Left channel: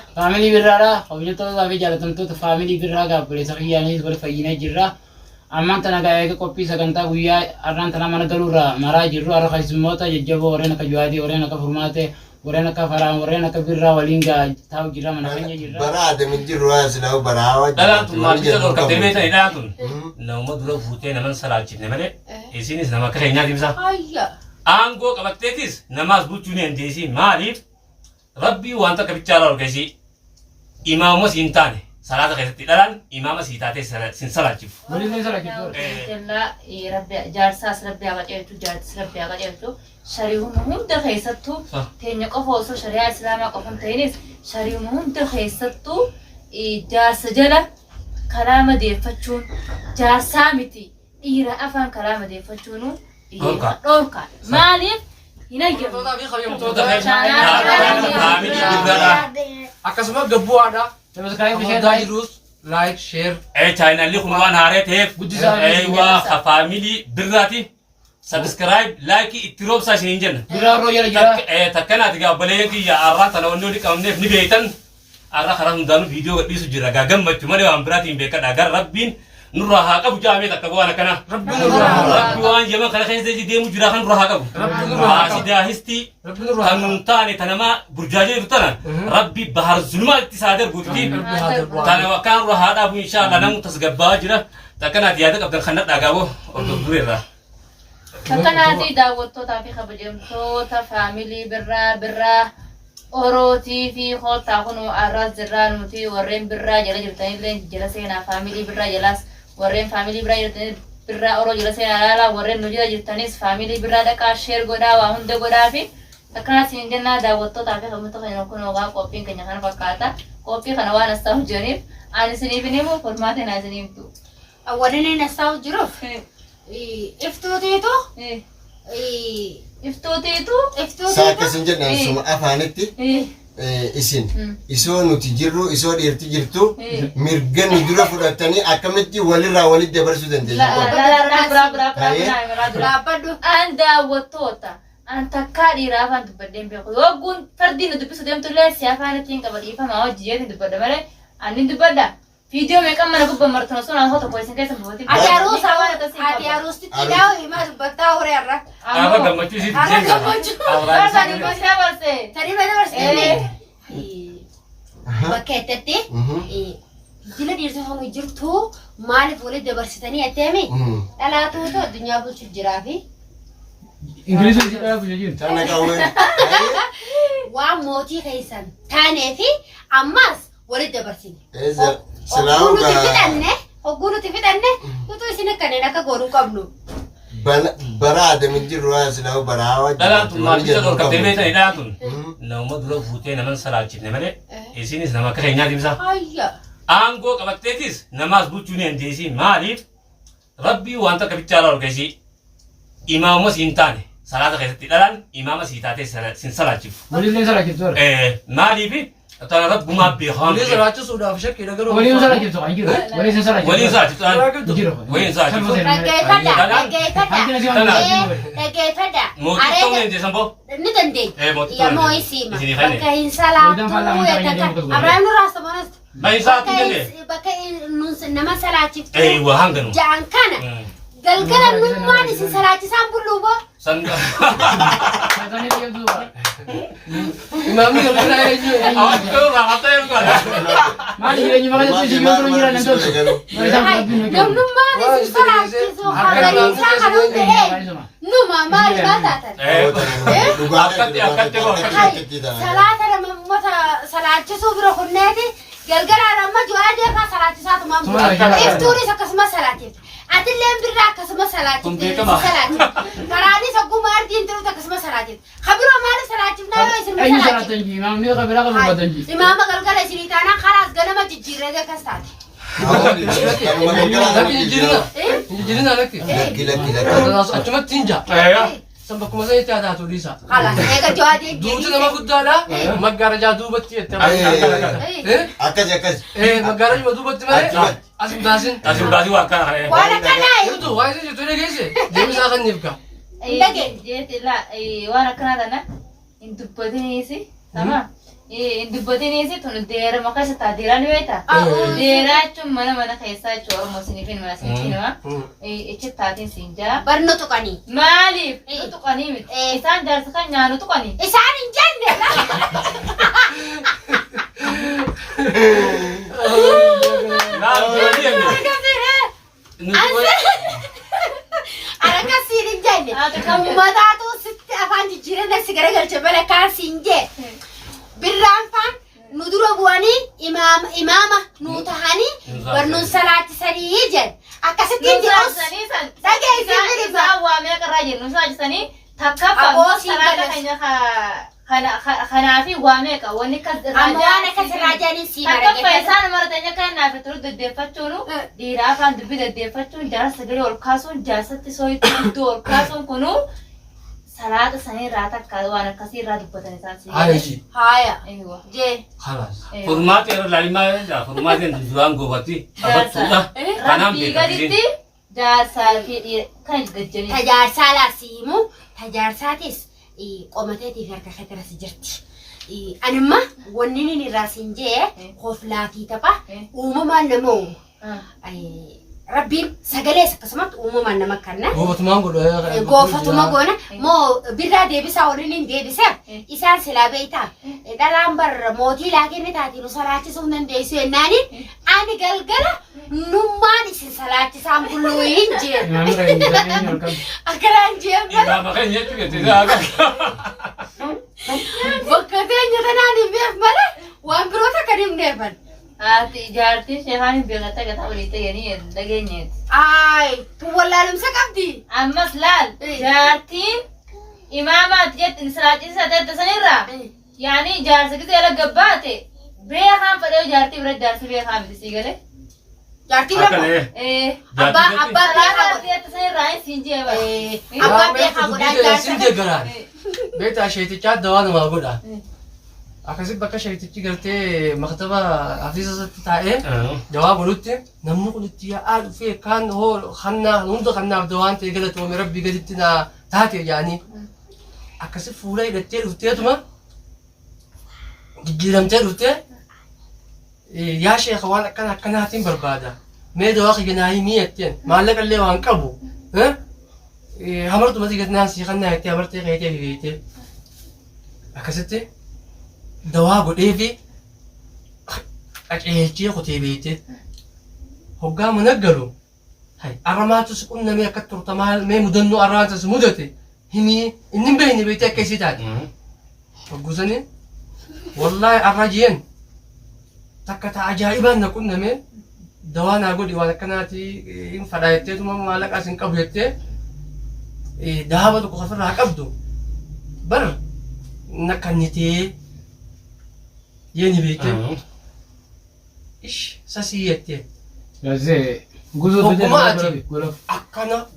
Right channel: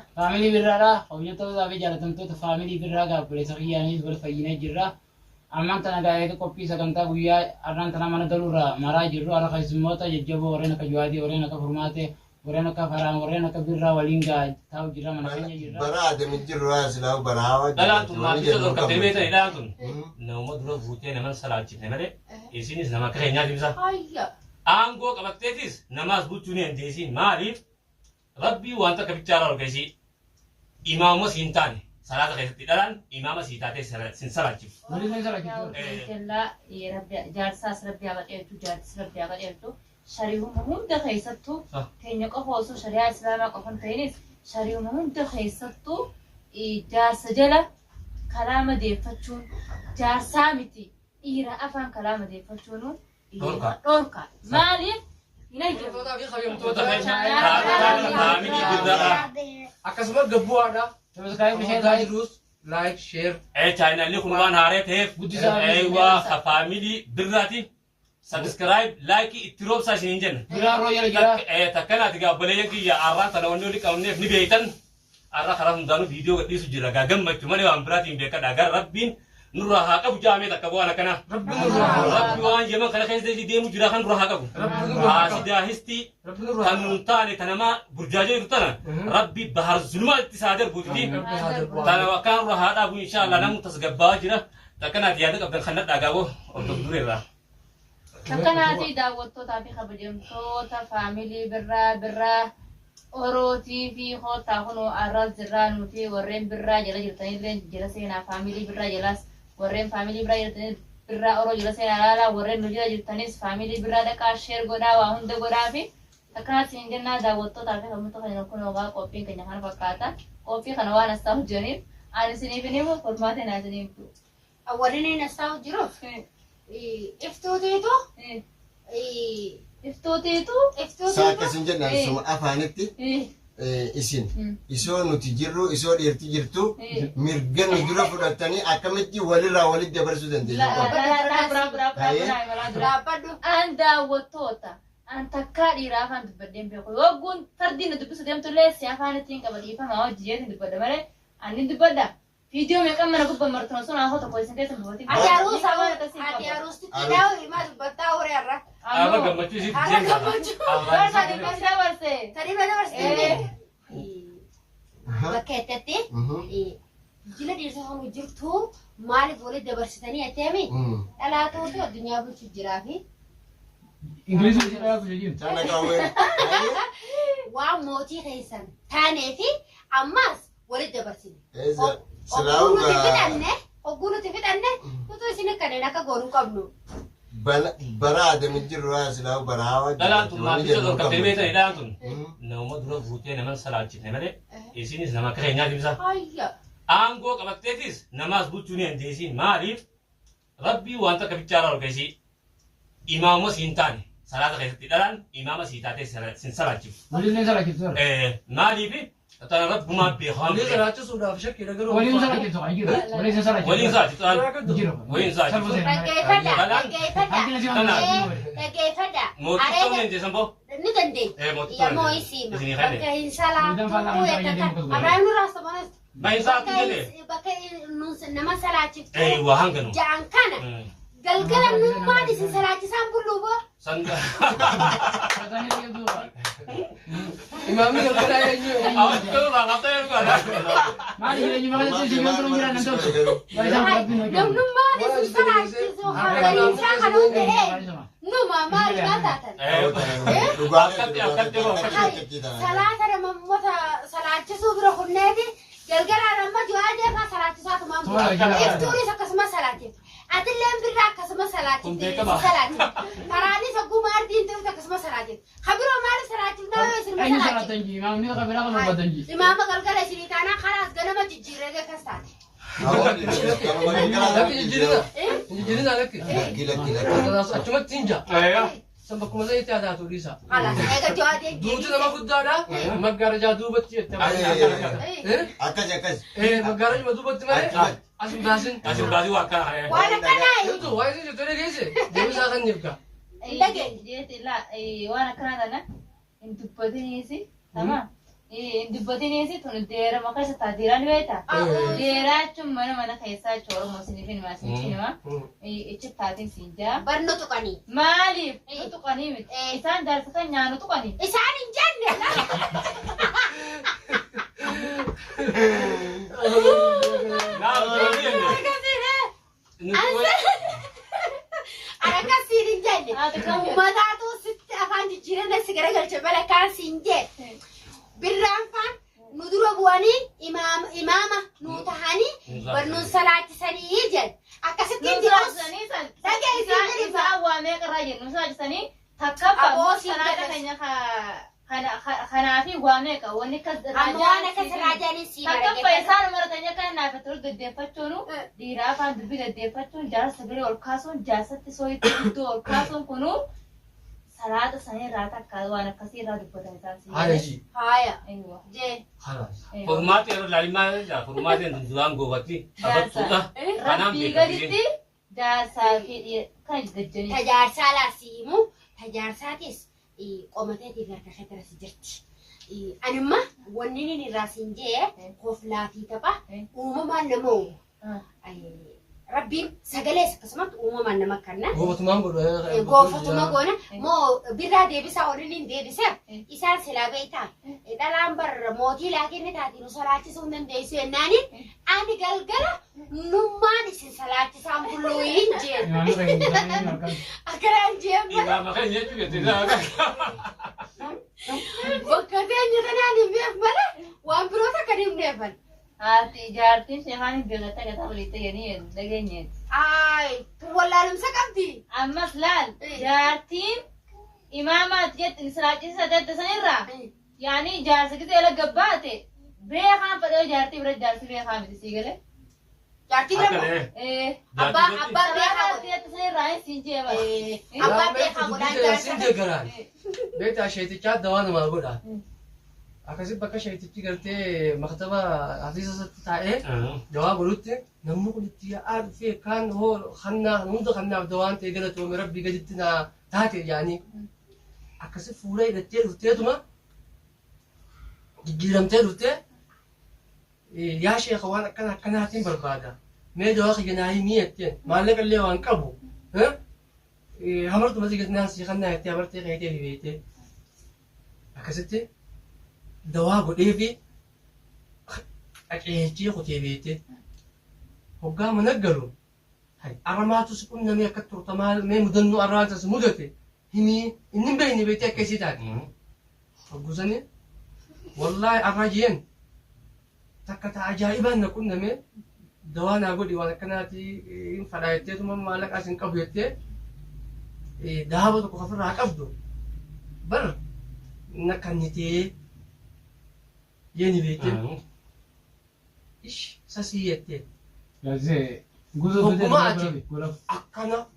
Family birraadha. Hojjettoota fi jaallatamtoota family birraa gaabbileessa kiyyaanis wal fayyinee jirra. Ammaan tana eega qophii sagantaa guyyaa har'aan tana mana galuurraa maraa jirru har'a keessummoota jajjaboo warreen akka Juwaadii, warreen akka Furmaatee, warreen akka Faraan, warreen akka Birraa waliin taa'u jirra mana keenya jirra. Bara adamin jirru asilaa'u baraa Dalaatu maatiisa dhorka deemeeta hidhaatun nama dura fuutee naman salaachifne malee isinis nama akka keenyaa ibsa. Aangoo qabatteetis namaas bulchuu ni dandeessi maaliif rabbii wanta akka bichaadhaa ol keessi imaamuma siin taane salaata keessatti dhalaan imaama sii taatee sin salaachifu. Waliin ni salaachifu. Jallaa rabbi jaarsaas rabbi haa qaceelchu jaartis rabbi haa qaceelchu shari'uma hunda keessattuu teenya qofa osoo shari'aa islaamaa qofa hin ta'inis shari'uma hunda keessattuu jaarsa jala kalaama deeffachuun jaarsaa miti dhiira afaan kalaama deeffachuun dhorka maaliif hin ayyamu. Akkasuma gabbu'aadha. Subscribe share Like, share. China li kun waan haaree ta'eef waa family birraati. Subscribe, like, itti roobsaa isiniin jenna. Birraa roo jala jira. Takkanaati gaabbalee kiyya arraa tana wanni oli qabneef ni beektan. Arraa karaa hundaanuu viidiyoo gadhiisu jira. Gaa gammachuu malee waan biraatiin beekadha. Gara rabbiin nurraa haa qabu jaamee takka bu'aan akkana. Rabbi waan yama kana keessa deemu jira kan nurraa haa qabu. Sidaa histii kan nun taane tanamaa burjaajee jiru tana. Rabbi bahar zulmaa itti isaa darbuutti. Tana kan nurraa haa dhaabu inshaallah namu tasgabbaa jira. Takkanaati yaada qabdan kan nadhaagaaboo hordofdureerraa. Takkanaati daawwattootaa fi kabajamtoota faamilii birraa orootii fi hootaa kun arraas jirraa nuti warreen birraa jala jirtanillee jala seenaa faamilii birraa jalaas warreen faamilii birraa jirtanis birraa oroo jala seenaa laalaa warreen nu jala jirtanis faamilii birraa dhaqaa sheer godhaa waa hunda godhaa fi akkanaas hin jennaa daawwattootaa fi kabajamtoota kan kun ogaa qophiin keenya kana fakkaata qophii kana waan as ta'u jiraniif ani isiniif hin himu Furmaatee naa isiniif tu. Warreen as ta'u jiruuf iftooteetu Iftooteetu Saakkasin jedhan suma afaanitti isin isoo nuti jirru isoo dhiirti jirtu mirga nu dura fudhatanii akkamitti walirraa walitti dabarsuu dandeenya. An daawwattoota an takkaa dhiiraa afaan dubbadeen beeku yooguun fardiin dubbisu deemtullee si afaan ittiin qaba dhiifamaa hojii jeetiin dubbadda malee ani dubbadda. Video meeqa mana gubbaan martuna sun aan hota qoisin keessa buuti. Ati aruusti tidaawu himaa dubbattaa horee irra. Arra gammachuu isitti Arra gammachuu. Tani gosa barse. Tani bada barse. Bakka ittatti jila dhiirsa honu jirtu maaliif walitti dabarsitanii atteemi dhalaatuutu addunyaa bulchuuf jiraa fi Ingiliziin jedhaa biyya Tana qaawween. waan mootii keessan taanee fi ammas walitti dabarsine. Hogguu nuti fixanne utuu isin kanneen akka goonuu qabnu. Bara adamin jirru asilaa'u baraa Dalaatu maatiisa dhorka deemeeta hidhaatun nama dura fuutee naman salaachifne malee isinis nama akka keenyaa ibsa. Aangoo qabatteetis namaas bulchuu ni dandeessi maaliif rabbii wanta akka bichaadhaa ol keessi imaamuma siin taane salaata keessatti dhalaan imaama sii taatee sin salaachifu. Waliin ni salaachifu. Maaliif tana rabbumaa beekamu. Waliin salaachisuudhaaf shakkii dhagaruu. Waliin salaachifu kan jiru. Waliin sin salaachifu. Waliin salaachifu. Jiru. Waliin salaachifu. Dhaggeeffadha. Mootii ta'uu dandeessan boo? Ni dandeenya. Yammoo isiima. Bakka hin salaatu. Abrahaam nurraa samanas. Baay'isaatu jenne. Bakka nama salaachiftu. Waa hanganu. Ja'an kana. Galgala nummaan isin salaachisaan bulluu boo. Imaamni galgala eenyu. Awwaati ta'uu raafatee eeguudha. Maali jireenyi bakka isin yoo turan jiran entooti. Namnummaan isin salaachisu hagariin isaa kan hundee numa maali baataatan. Salaata namoota salaachisuu bira kunneeti galgalaan amma Juwaadii akka salaachisaatu maamula. Iftuunis akkasumas salaachifta. Atilleen birraa akkasumas salaachifte. Karaanis ogguma ardiin tiruutu akkasumas salaachifte. Kabiroo maaliif salaachifnaa yoo isin Eenyu salaachifte? salaatan jiru. Imaamni yoo qabila qabu baatan jiru. Imaama galgala isinii taanaan karaas ganama jijjiirree akkas taate. Injilina lakki. Achumatti hinja. San bakkuma sana itti haataatu dhiisa. Haala eega Juwaadii Duuti nama guddaadha. Maggaarajaa duubatti jette. Akkas. Maggaarajuma duubatti malee as hin baasin. As hin baasin waa akkana. waan akkanaa Jirtu waa isin jettu dhageesse. Deebisaa kan niifka. waan akkanaa kana hin dubbatiniisi sama dubbatiin eessi tun deera maqaa isa taa deeraan beektaa? Deeraa jechuun mana keessaa jechuudha Oromoo siniifin mana siniifin nama. Ichi taatiin siin jaa. Barno tuqanii. Maaliif? Tuqanii miti. Isaan jaarsa kan nyaanu tuqanii. Isaan hin jenne. Ana kasiin hin jenne. Uummataatu sitti afaan jijjiirana si garagalcha bala kaasiin jee. Birraan faan nu dura bu'anii imaama nu tahanii barnoon salaachisanii jedhe. Akkasittiin Nuusanii san. Isaan waamee qarraa jiru. Nuusanii takkaffaa salaata keenya kanaafi waamee qaba. Wanni akkas irraa jaaniin sii takkaffaa isaan maratanya kan naaf turu deddeeffachuun dhiiraa afaan dubbii deddeeffachuun jaarsa sagalee ol kaasuun jaarsatti sooyitti iddoo ol kaasuun kunuu salaata sanii irraa takka waan akkasii irraa dubbatan isaan sii. Hayaji. Haya. Jee. Halas. Furmaati irra laalimaa jedha. Furmaatiin duraan goobatti taphattuudha. Kanaan Rabbii beekamtiin. gaditti jaarsaa fi dhiira kan gajjanii. Tajaarsaa laasiimu tajaarsaatis qomateetiif harka keetirasi jirti. Anima wanni inni irraa siin jee koflaatii tapha uumamaan nama uumu. Rabbiin sagalees akkasumatti uumamaan nama kanna. Goofatumaan godha. Goofatuma goona moo birraa deebisaa waliin hin deebiseef isaan silaa beeytaa. Dhalaan barra mootii laakinni taatiin salaachisuu hin dandeessu jennaaniin ani galgala nummaan isin salaachisaan bulluu hin jeen. Akkanaan jeen bala. Imaama kan jettu geessisaa akka. Bakka teenya tanaan hin beef malee waan biroota kan hin neefan. Jaartiin sheekaan hin beekatta gataa olii ta'anii dhageenyeeti. Ay, wallaalumsa qabdi. Ammas laal jaartiin imaamaati jettin salaachisa ta'e sanirraa yaani jaarsa gisee ala gabbaate beekaan fedhee jaartii bira jaarsi beekaa miti sii galee. Jaartii bira abbaa beekaa godhate sanirraa siin jeeba. Abbaa beekaa godhaan jaarsa. Sin deeggaraan. Beektaa sheetichaa dawaa namaa godha. Akkasii bakka sheetichi galtee maktaba hafiisa isaatti taa'ee dawaa godhutti namni kun itti yaa'aa dhufee kaan hoo hannaa hunda kannaaf dawaan ta'e galatoome rabbii gaditti naa taate jaanii akkasii fuula hidhattee dhufteetuma jijjiiramtee dhuftee yaa sheeka waan akkanaatiin barbaada mee dawaa kiyya naa himii jetteen maallaqa illee waan qabu hamartumatti gadnaan sii kannaa jettee hamartee keetee hibeetee akkasitti dawaa godhee fi qaceelchee kutee beekte hoggaa mana galu arramaatus qunnamee akka turtamaa mee mudannoo arramaatus mudate himii inni beekne beekte akka isii taate hoggusanii wallaahi arra jeen takka ta'a ajaa'ibaan na qunnamee dawaa naa godhi waan akkanaati hin fadhaa jetteetuma maallaqaas hin qabu jettee daaba tokko ofirraa qabdu bar na kannitee yeni beke ish sasi yette Yazı guzo bile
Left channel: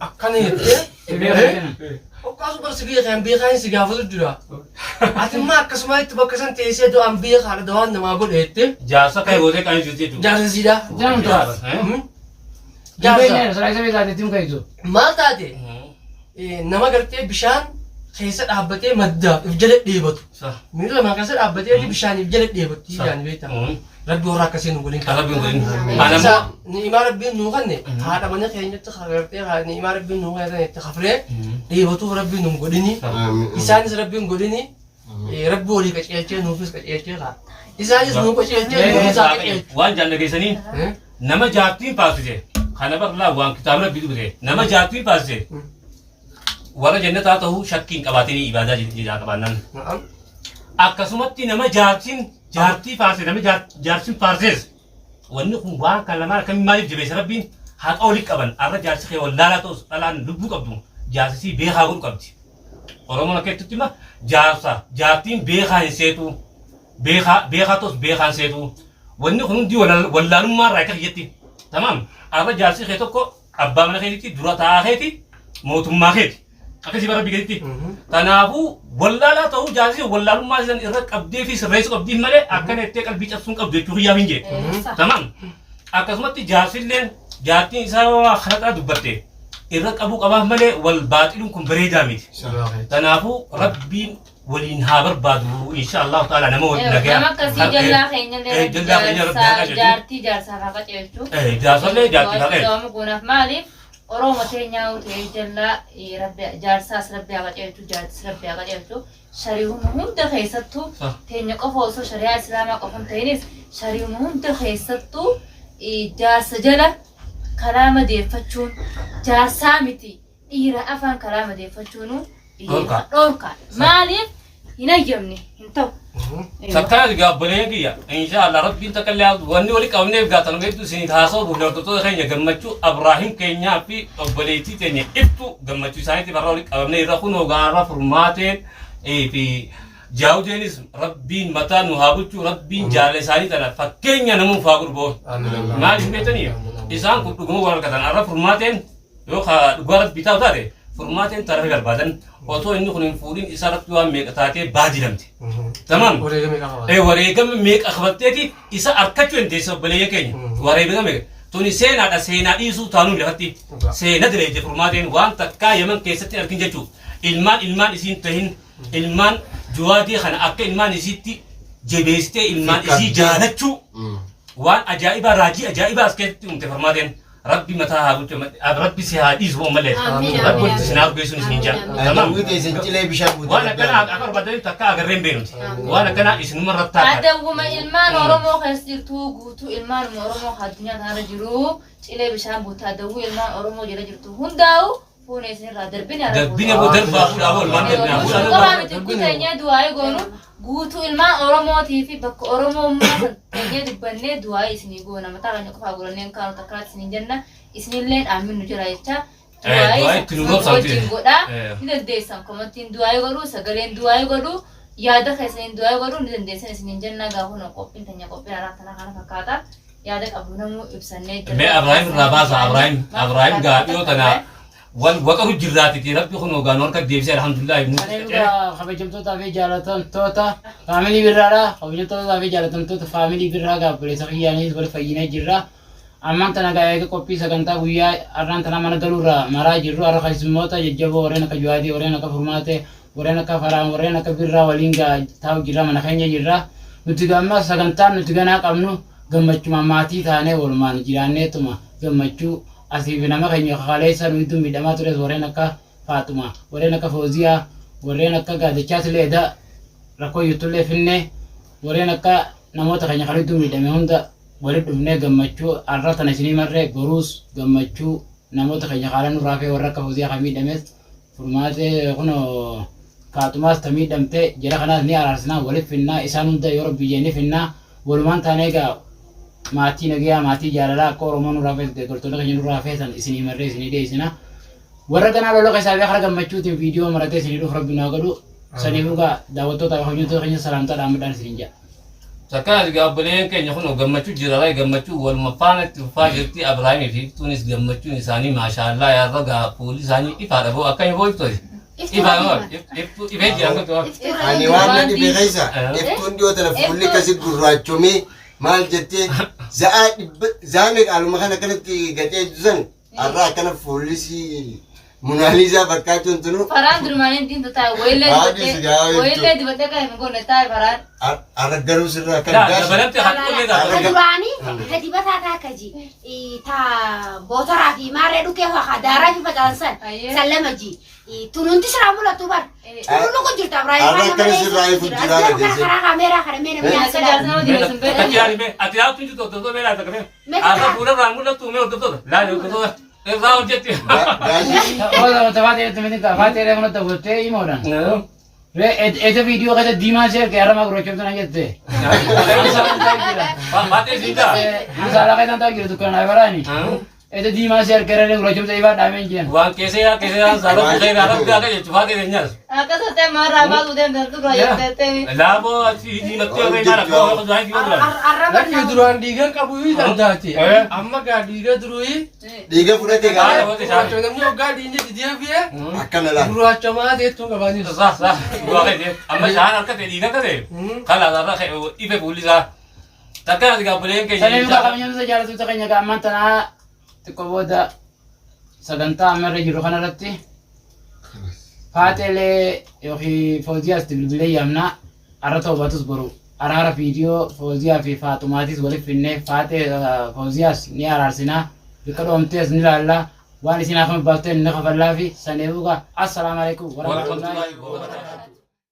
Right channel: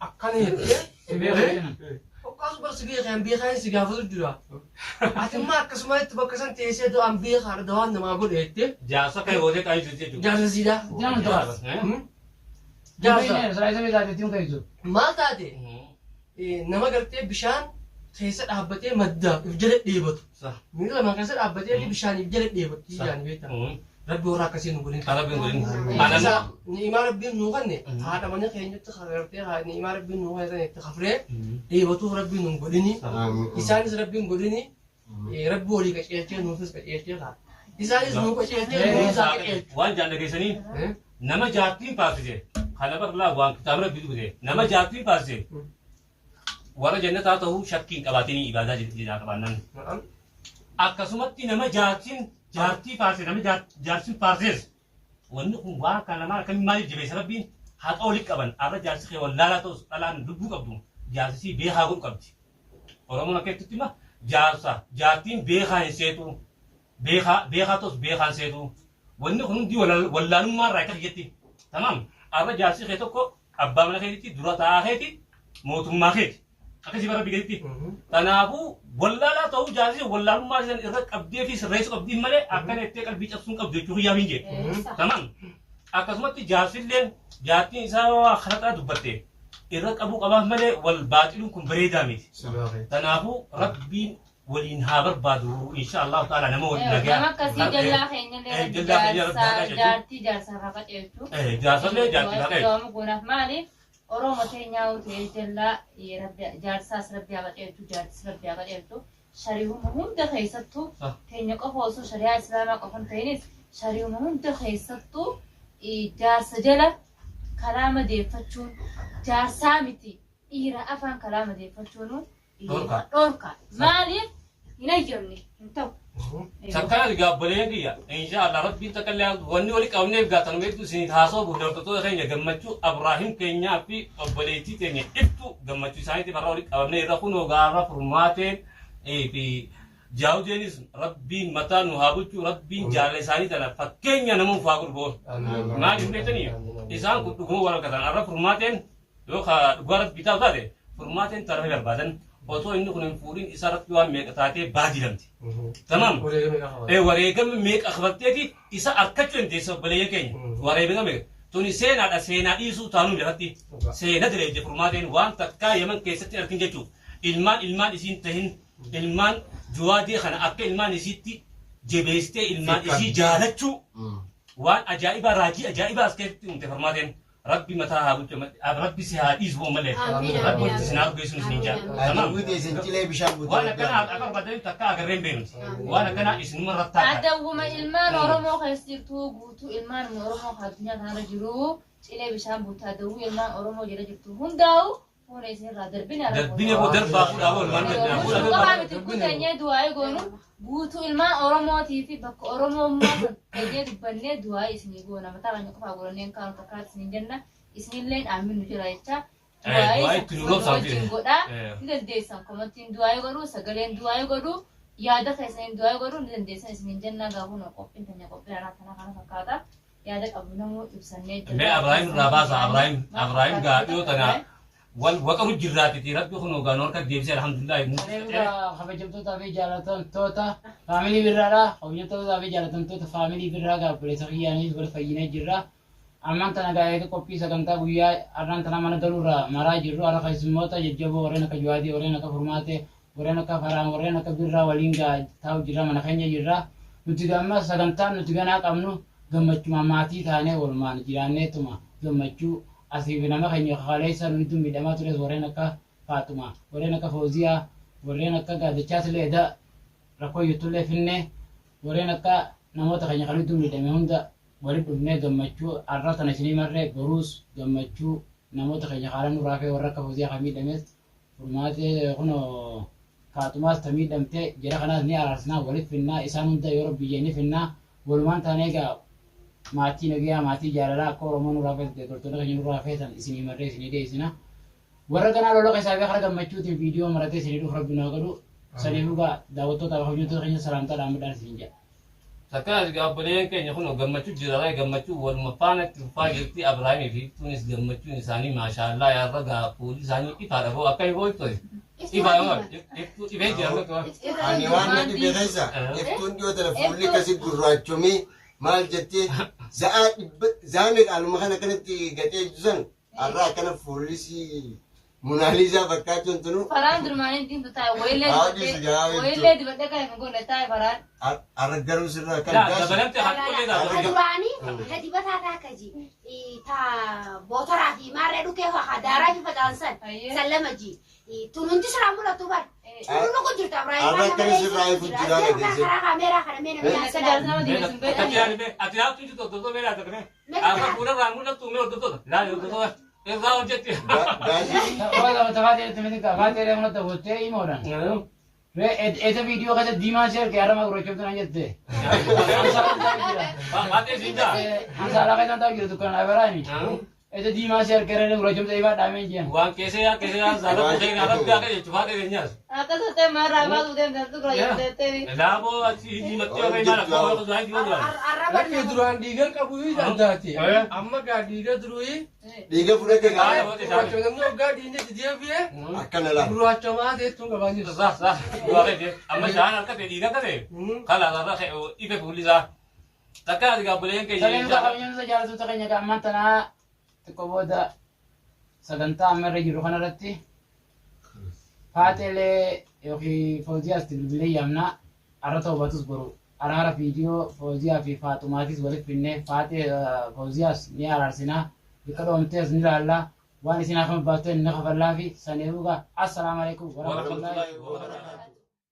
akkana yette okkasu bar sigi kan be kan sigi hafu dura atimma akkasuma itti bakka san teessee do an be kan do an nama godhe yette Jaarsa kai gootee kan jirti tu. jaarsa sida Jangan tuh. Jaarsa. Saya sebut tadi tim kayak itu. maal taate nama gartee bishaan keessa dhaabbatee madda if jala dheebatu miila lamaan keessa dhaabbatee bishaan if jala dheebatti yaani beekta rabbi warra akkasii nu godhin Rabbiin godhin. ni'imaa rabbiin nuu kanne haadha mana keenyatti gartee ni'imaa rabbiin nuu kanne itti kafree dheebatuuf rabbiin nu godhini isaanis rabbiin godhini rabbi walii qaceelchee nuufis qaceelchee kaa isaanis nuu qaceelchee nuufis qaceelchee Waan jaalala keessanii nama jaartiin paasise. Kana barlaa waan kitaaba rabbii dhufte. Nama jaartiin paasise. Warra jannataa ta'uu shakkiin qabaatanii ibaadaa jiraa qabaannan. Akkasumatti nama jaartii paasise nama jaartiin paasises. Wanni kun waan kan lamaan akkamiin maaliif jabeessa rabbiin haqa walitti qaban arra jaarsi kee wallaalaa ta'us dhalaan lubbuu qabdu jaarsisii beekaa godhu qabdi. Oromoon akka jettutti ima jaartiin beekaa hin seetu beekaa ta'us beekaan seetu. Wanni kun hundi wallaalummaa irraa akka kiyyetti. Tamam arra jaarsi kee tokko abbaa mana keetitti dura taa'aa keeti mootummaa keeti. Akkasii bara biyyaatti. Kanaafuu wallaalaa ta'uu jaarsi wallaalummaa isaan irra qabdee fi sirreessu qabdiin malee akka nettee qalbii cabsuun qabdu jechuu hiyyaa hin jee. Tamam akkasumatti jaarsillee jaartiin isaa waa kalaqaa dubbatte irra qabuu qabaaf malee wal baaxiluun kun bareedaa miti. Kanaafuu rabbiin ولين هابر بادو إن شاء الله تعالى نمو نجا nama akkasii jallaa keenya illee jallaa keenya rabbi haa qajeelchu. jaartii jaarsaaf haa qajeelchu. jaarsollee jaartii haa qajeelchu. Doomu gunaaf maaliif Oromoo teenyaa utee jallaa jaarsaas rabbi haa qajeelchu jaartis rabbi haa qajeelchu. Shari'uun hunda keessattuu teenya qofa osoo shari'aa islaamaa qofa hin ta'inis shari'uun hunda keessattuu jaarsa jala karaa madeeffachuun jaarsaa miti dhiira afaan karaa madeeffachuun dhorka maaliif hin ayyamne hin ta'u. Sakkaat gaabbalee kiyya insha Allah rabbiin takkallee wanni wali qabneef gaatan meetu isin haasoo buufattoota keenya gammachuu Abraahim keenyaa fi obboleettii teenya ibtu gammachuu isaaniitiif har'a wali qabnee irra kunoo gaarra furmaateen fi jaawudeenis rabbiin mataa nu haa bulchu rabbiin jaalala isaanii tana fakkeenya namuuf haa gurboon maaliif beektanii isaan kun dhuguma waan argatan har'a furmaateen yookaan dhugaa rabbii taa'u taate furmaateen tarafe barbaadan otoo inni kun hin fuudhin isaa rabbi waan meeqa taatee baajilamte tamam wareegama meeqa qabatteeti isa arkachuu hin teessa obboleeyya keenya wareegama meeqa tuni seenaadha seenaa dhiisuu taanuu lafatti seena direeje furmaateen waan takkaa yaman keessatti argin jechuu ilmaan isiin tahin ilmaan juwaadii kana akka ilmaan isiitti jabeessitee ilmaan isii jaalachuu waan ajaa'ibaa raajii ajaa'ibaa as keessatti uumte furmaateen rabbi mataa haa bulchu rabbi si haa dhiisu malee rabbi walitti isin haa geessuun isin jaa tamam waan akkana akka barbaadanii takka agarreen beeknuti waan akkana isinuma rattaa Adawwuma ilmaan Oromoo keessa jirtu guutuu ilmaan Oromoo addunyaa kanarra jiru cilee bishaan buutaa adawwuu ilmaan Oromoo jala jirtu hundaa'u fuunee isinirraa darbine boo darbaa fuudhaa boo ilmaan darbinaa Guuteenyee du'aayee goonu guutuu ilmaan Oromootii fi bakka Oromummaa teenyee dubbannee du'aayee isinii goona mataa keenya qofaa godhanneen kaanu takkaatti isiniin jenna isinillee dhaamin nu jira jecha du'aayee wajjin godhaa ni dandeessan komantiin du'aayee godhuu sagaleen du'aayee godhuu yaada keessaniin du'aayee godhuu ni dandeessan isiniin jenna gaafuma qophiin teenya qophiin alaa kana fakkaata yaada qabu namuu ibsannee mee Abraahim irraa baasa Abraahim gaadhiyoo tanaa وقعوا الجرات ربي خنوا قالوا لك ديبس الحمد لله أنا خبيجمتو في جالتون توتا فاميلي برا خبيجمتو في جالتون توتا فاميلي برا قبل سخياني بر فينا جرا أما أنت نقايا كوبي سكنتا ويا أران تنا من قالوا مرا جرو أرا خيس موتا يجيبوا ورينا كجوادي ورينا كفرماتة ورينا كفرام ورينا كبرا ولينجا تاو جرا من خينيا جرا نتجمع سكنتا نتجنا كمنو جمعت ماماتي ثاني ولمان جيرانه توما جمعتو asii nama keenya kaleessa nuti midhamaa ture warreen akka Faatuma warreen akka Fooziyaa warreen akka Gaadachaas leeda rakkoo yuutullee finne warreen akka namoota keenya kaleetu midhame hunda walitti dhufnee gammachuu har'a tana isinii marree boruus gammachuu namoota keenya kaalan nurraa fi warra akka Fooziyaa kan miidhames furmaatee kun Faatumaas ta miidhamte jara kanaas ni araarsinaa walitti finnaa isaan hunda yeroo biyyeenni finnaa walumaan taanee egaa maatii nagaa maatii jaalalaa akka Oromoon nurraa fe'ate gortoota keenya nurraa fe'atan isinii marree isinii deessina warra kanaa loloo keessaa fi akkara gammachuutiin viidiyoo maratee isinii dhuuf rabbi naa godhu saniif dhugaa daawwattoota hojjettoota keenya salaamtaa dhaammadhaan isiniin jedha. Sakkaat gaabbaleen keenya kun gammachuu jiraala gammachuu waluma faana itti fufaa jirti Abrahaamii fi Iftuunis gammachuun isaanii maashaallah yaarra gaa fuulli isaanii ifaadha boo akka hin boo'iftooti. Ifee jedhama ta'u. Ani waan na dhibee keessa iftuun dhiyoo tana fuulli kasi gurraachomee maal jettee zaame qaaluma kana kanatti gadhee jiran har'a akkana fuullisi Munaaliizaa fakkaachuun tunu. Faraan durmaaniin diintu taa'e wayillee dibatee kan hin goone taa'e faraan. Har'a garuu sirraa kan dabalatti haqqulee ta'a. Duraanii gadi bataa taakaji taa bootaraa fi maarree dhukee fa'aa daaraa fi facaansan sallama ji tunuunti siraa mul'atu bar. Tunu kun jirta Ibrahim. Har'a akkana sirraa ifu jiraala. Karaa kaameeraa kana mee namni Ati yaa tuju tokko tokko meelaa takka mee. Har'a fuula irraa mul'atu mee hordoftoota. Laali hordoftoota. Irraa hojjetti. Oda tafaatee tumini kafaatee reefuna ta'uuttee himoodhaan. Ete viidiyoo keessa diimaa ishee erga yarama gurraachoftu na jette. Baatee siidaa. Masaalaa keessan ta'u jiru dukkanaa baraani. Ete diimaa ishee erga yarama gurraachoftu ifaa dhaameen jiran. Waan keessee saaloo keessee irraa gaaga jechuun faatee keenyas. Akkasuma ta'e maarraa baatu deemte dura jetteeni. Laaboo ati diimattee ofii nyaala koo akka zaayi yoo dura. Lakki duraan dhiiga qabu dandaati. Amma gaa dhiiga duruu dhiiga fudhate gaara. namni hoggaa dhiinni deebi'ee Akkana laata. gurraachamaa teettuun qabaanii Saa amma shaan harka ta'e dhiiga ta'e kalaasarra ife fuullisaa. Takka ati gaabbileen keenya. Sanii muka qabeenyumsa jaallattoota keenya gaamman tanaa xiqqoo booda sagantaa amma irra jiru kanarratti Faatele yookiin Fooziyaas bilbilee yaamna arra toobatus boru araara viidiyoo Fooziyaa fi Faaxumaatis waliif finnee Faatee Fooziyaas ni araarsinaa bika dhoomtees ni laallaa waan isin afaan baafteen ni kafallaa fi saneebuga assalaamu alaikum warahmatullahi wabarakatuh.